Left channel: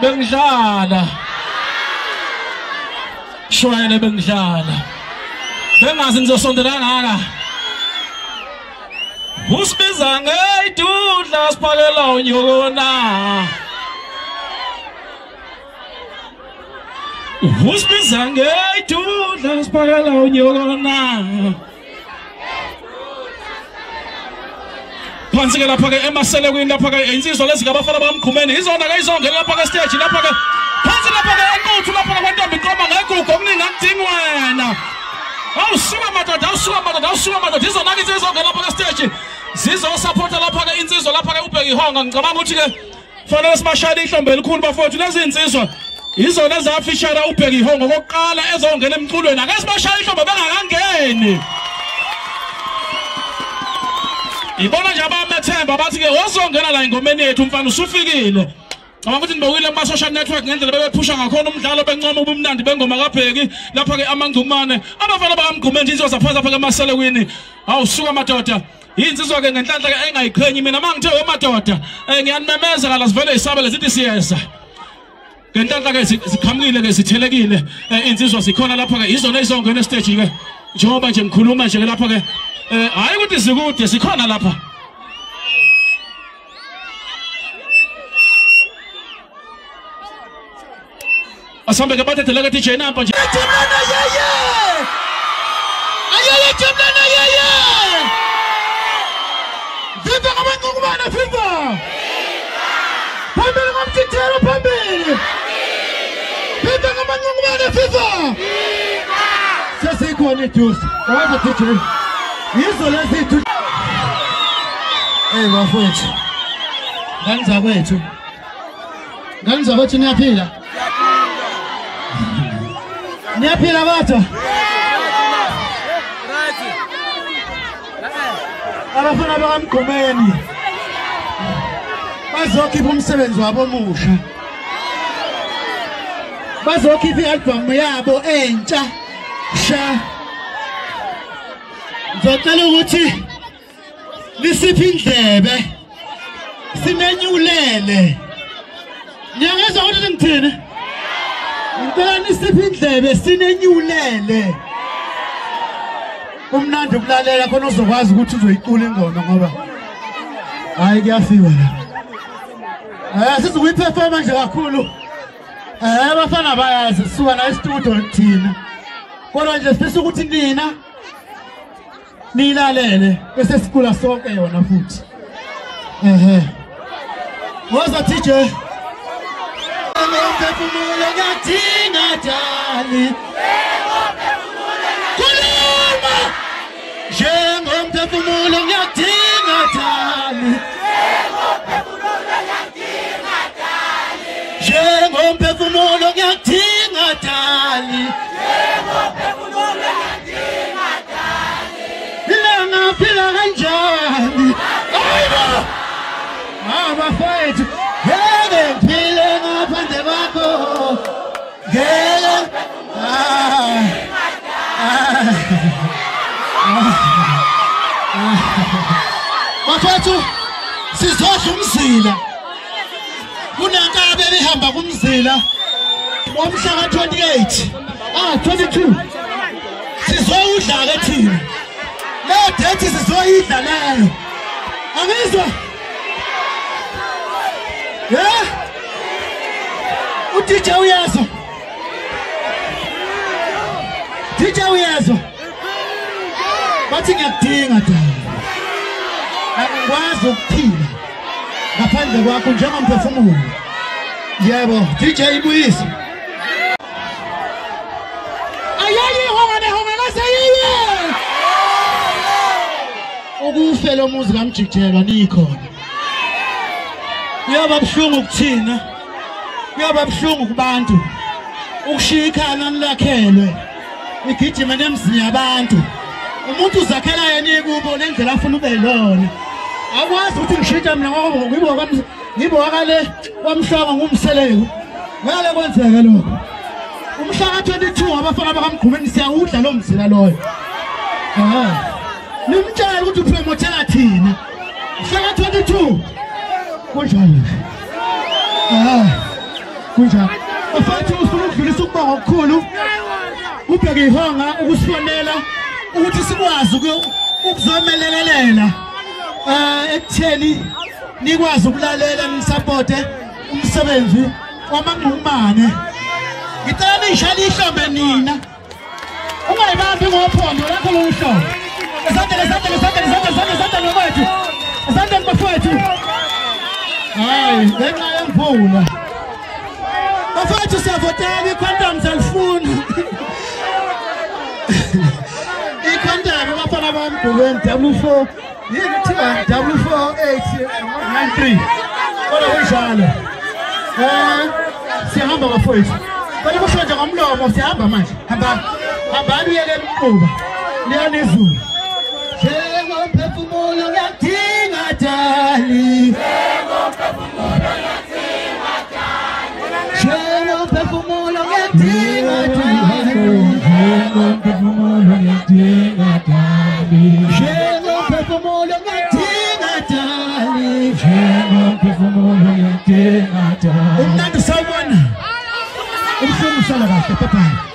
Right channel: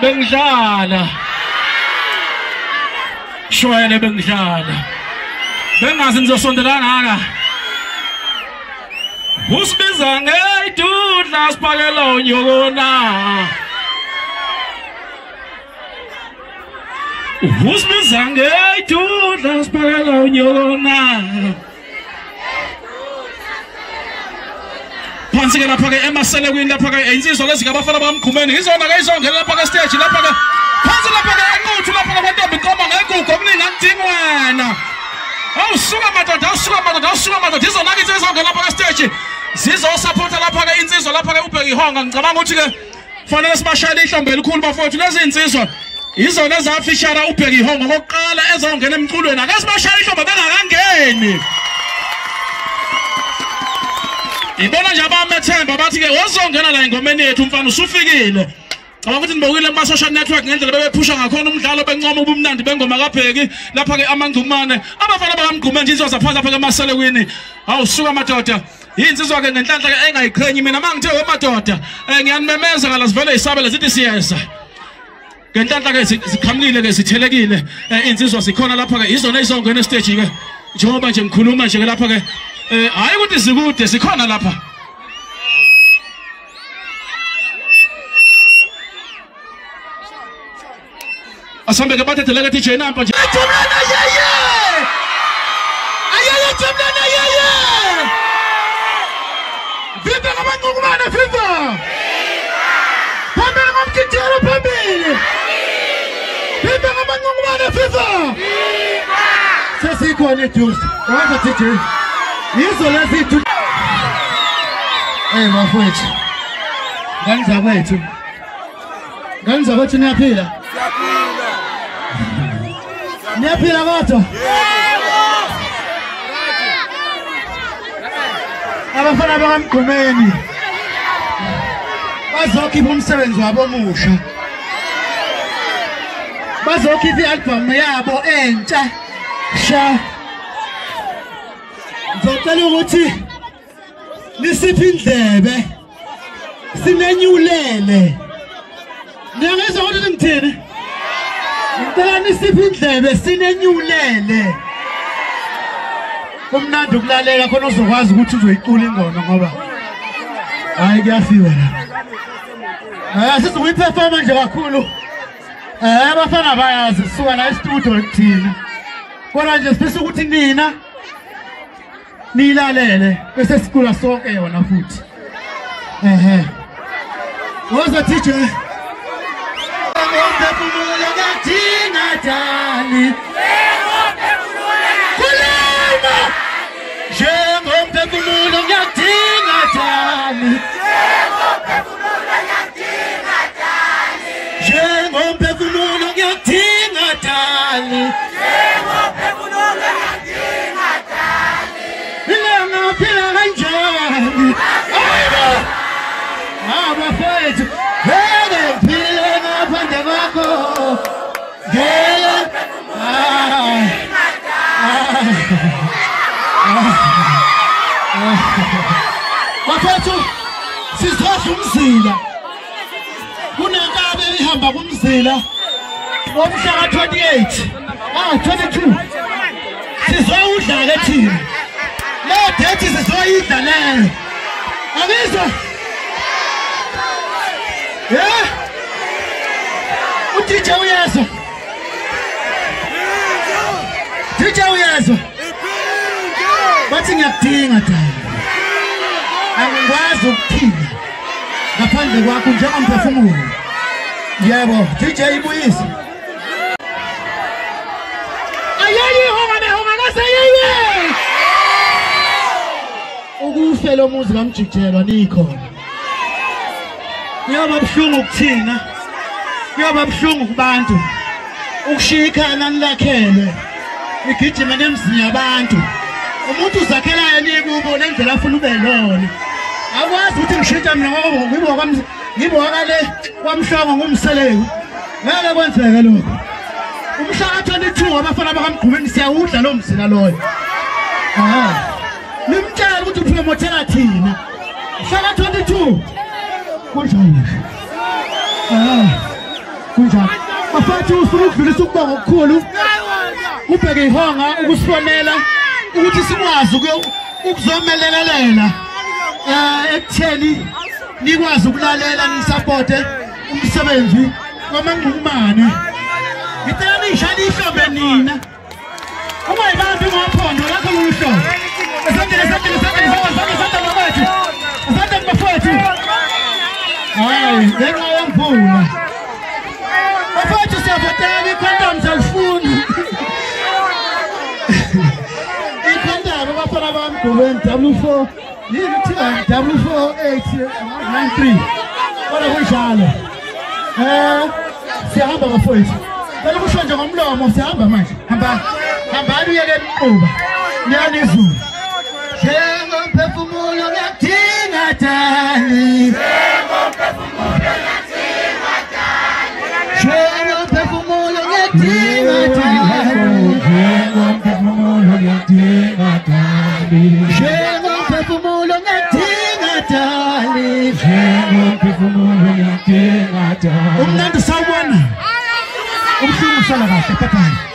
bengidlala shwele bengidlala bengazi ngizosondela ngaka usibiza ngeyidudla siphakela unyokona usibiza ngeyidudla siphakela unyokona phansi ke lapha ke emaselekweni lapha ke insizwa lezi ngabafana bamkhumeni izona ke izongena lapha ke stage lapha ke phansi lapha ke enquthu lapha ke kwantombi iqoma ngegugu okuningi akudingi wena awusuka madoda izona ke izongena lapha ke stage zizosupporta lapha ke insizwa lapha ke ubheka ihonga ngicabanga ukuthi ke fanele sibashayele ihlombe elikhulu bafowethu lezi insizwa izona ezafishara ubheka ihonga kokuqala ezongena emculweni ake sibashayele ihlombe bengakangeni ibona nje abamethemba bathi ke wazongena la ingomeni yethu umfana usufikile cabanga ukuthi nibokile kuma social network ngendlela bebephusha ngakhona umdlalo bencoma ubumnandi bengoma kaBheki lapha ke amangcumane abafana bakamgqume nje insizwa zaphansi lapha ke emaselekweni awusuka madoda insizwa ke ngenhlanhla ke engayiqhenyi mina mangithe madoda ngiyanimemeza kala sivele isabele zithi siyeza ngenhlanhla ke siqhamukile ke sithelekile insizwa sikhona lapha ke izona izongena stage ke njengoba nje ngikhuluma nje lapha ke hayi ukuthi zikude sikhona lapha asambe ke bathethe ke DJ Nampa nje Timlana yeye ayeye Timlana yeye viva ngabangqubana viva phambili ngomthithelo phambili viva ngabangqubana viva sesikhona ijuice waba DJ yizo lezi bafowethu ngani zakwethu niyaphila niyaphila batho abafana bakamgqumeni bazokhipha umsebenzi wabo omusha bazokhipha i-album yabo entsha sha ngicela ukuthi nisiphi indlebe sinenyulele niyangezwa ukuthi ngithini ngicela nisiphi indlebe sinenyulele kumnandi ukulalela khona uzokwazi ukuthi uzoyicula ingoma ngoba hayi kuyafika la asizukuyiperforma nje kakhulu abafana bayazi sisuka la e-studio thina kodwa nje sifisa ukuthi nina nilalele bese sikula sonke yona futhi woza DJ ngomphefumulo ngadinga dali kulema njengomphefumulo ngadinga dali njengomphefumulo ngadinga dali phila kanjani abafowethu ngeke phile ngaphandle kwakho ngeke bafowethu sizosha umzila kunenkabe ebihamba kumzila ngomhla ka-28 22 sizowudla ke thina dethi sizoyidla leyo akizwa uDJ uyezwa bathi ngiyakudinga dala angikwazi ukuphila ngaphandle kwakho njengomphefumulo yebo DJ ibuyise ukufela umuzi kaMjijelwa nikhona kuyaba buhlungu kuthina kuyaba buhlungu kubantu ukushiya ikhaya nani lakhelwe igijima nemzini yabantu umuntu uzakhela yena kubo lendlela afuna ube lona akwazi ukuthi ngishintshe mina ngoba ngibokale kwamhlongo ngumseleku ngale kwenzeka lokho umhla ka-22 abafana bakamgqumeni siyawudla lo mzila loyo nimtshela ukuthi upromothela thina mhla ka-22 kunjani kunjani bafethu ufuna ukudlulisa ukubonga okukhulu ubheke ihonga ukusibonela ukuthi sikwazi ukuzomelelela ekutheni nikwazi ukulalela nisupporte umsebenzi wamangqumane ngicela nishaya ihlombe nina ungayibambi ngophondo lakho lohlobo esandla ngabafethu esandla ngabafethu hayi ngenxa yemvula bafethu siyavotela icondoms alifuni icondoms abafana bamdulweni W4 yini thiwa W4893 kodwa kunjalo siyahamba bafethu bale kushonje ngomlomo siyahamba manje hambani uyeke emquba niyanizulu njengomphefumulo ngatingadali njengomphefumulo ngatingadali umnandi sawubona ubuhlungu sala kahle pepha